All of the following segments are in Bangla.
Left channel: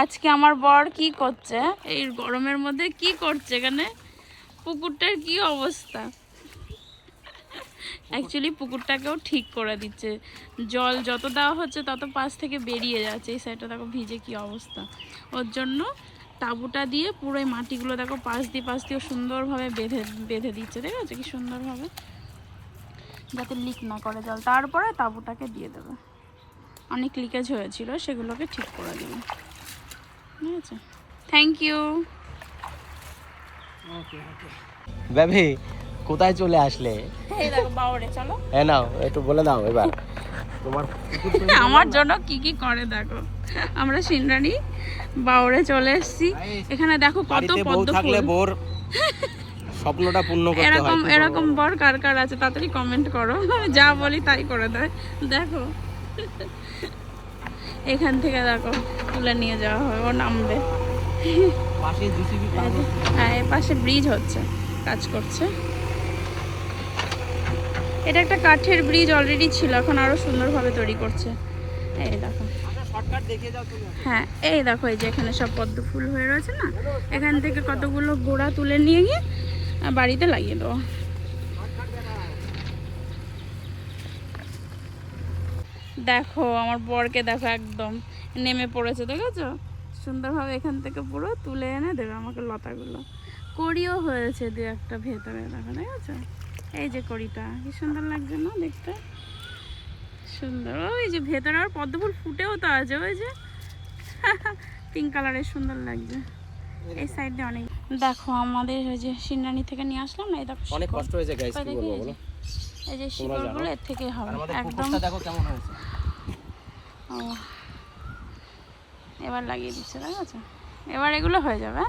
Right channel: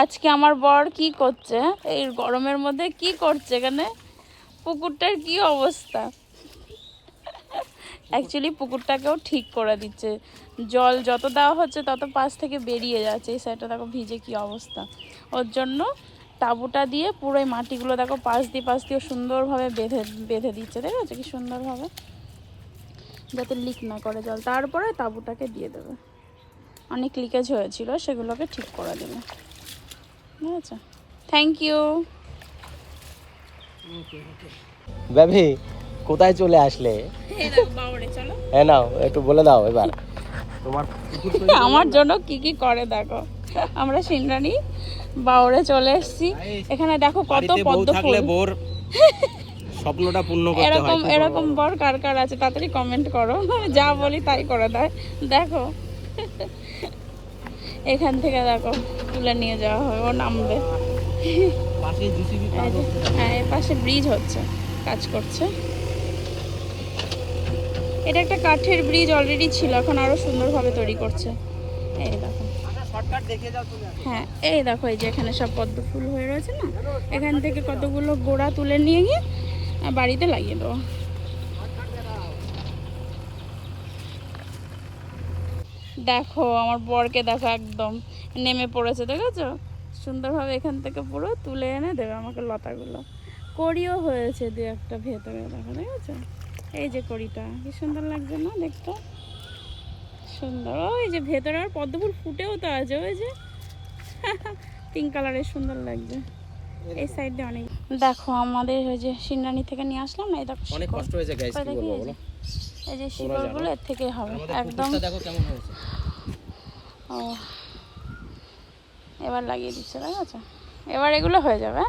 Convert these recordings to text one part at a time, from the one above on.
আজকে আমার বর কি করছে, এই গরমের মধ্যে কি করছে এখানে? পুকুরটার কি অবস্থা? অ্যাকচুয়ালি পুকুরটাকেও ঠিক করে দিচ্ছে, জল যত দেওয়া হচ্ছে তত পাশ থেকে বেরিয়ে যাচ্ছে। এই সাইডটা দেখো ভিজে কি অবস্থা। ওর জন্য তাঁবুটা দিয়ে পুরো এই মাটিগুলো দেখো পাশ দিয়ে সুন্দরভাবে বেঁধে বেঁধে দিচ্ছে, ঠিক আছে? কি সুন্দরভাবে, যাতে লিক না করে জল। তারপরে তাঁবুটাকে দিয়ে দেবে। অনেক লিকেজ হয়েছিল, সেগুলোকে ঠিক করে দেবে, ঠিক আছে? Thank you. বেবি কোথায় চলে আসলে? এই দেখো বাউরে, চলো। হ্যাঁ নাও একটু বলে দাও এবার তোমার আমার জন্য কি কি করে দেখো। আমরা সিনরানি বাউরে চলে এসেছি। এখানে দেখো কত পদ্ম ফুল। বোর স্বপ্নটা পূর্ণ করতে হয়। এরকম এরকম বর কার কার আছে তাড়াতাড়ি কমেন্ট করো। যা বলি তাই করে দেয়। দেখো এখান থেকে দেখো তুলে নিয়ে যাওয়া হবে, ও নামবে। হ্যাঁ, এর পাশে ব্রিজ হচ্ছে, কাজ করছে। এটা একটা কাঠের ব্রিজ অলরেডি ছিল, এখন আরো সুন্দরভাবে তৈরি করছে। এই দেখো, হ্যাঁ এই দেখো, এই যে এখানে সব পদ্ম ফুল হয়ে রয়েছে না, এখান থেকে কতগুলো গোড়া তুলে নিয়ে গিয়ে বাড়িতে লাগিয়ে দেবো। দেখো আমার বরকে দেখো, একদম নেমে পড়েছে, দেখেছো? সুন্দরভাবে এখান থেকে পুরো তুলে এনে দেবে আমাকে লতাগুলো। কড়িও হয়েছে দু একটা ভেতরে, দেখো, দেখেছো? এই যে কড়িটা কি সুন্দর লাগছে না দেখতে? সুন্দর। ওই যে ভেতরে আর পদ্ম ফুল ফুটেও তো আছে, ওই যে পিঙ্ক কালারের, সুন্দর লাগছে। এই সাইডে অনেক। দেখো আমাদের ওই যে সিংরানি থেকে নিয়ে আসলাম না, এই দেখো অনেক কষ্ট হয়েছে গাইস, কি বলবো বলো? এই যে শিকড়গুলো এর থেকেই হবে একদম। দেখো কেমন হয়েছে। ও এবার লাগিয়ে দিচ্ছে, ঠিক আছে? এবার এগুলো হয়ে যাবে।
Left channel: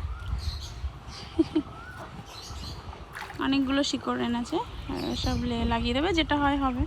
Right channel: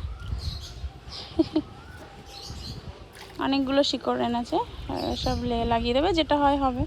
অনেকগুলো শিকড় এনেছে, এসব লাগিয়ে দেবে, যেটা হয় হবে।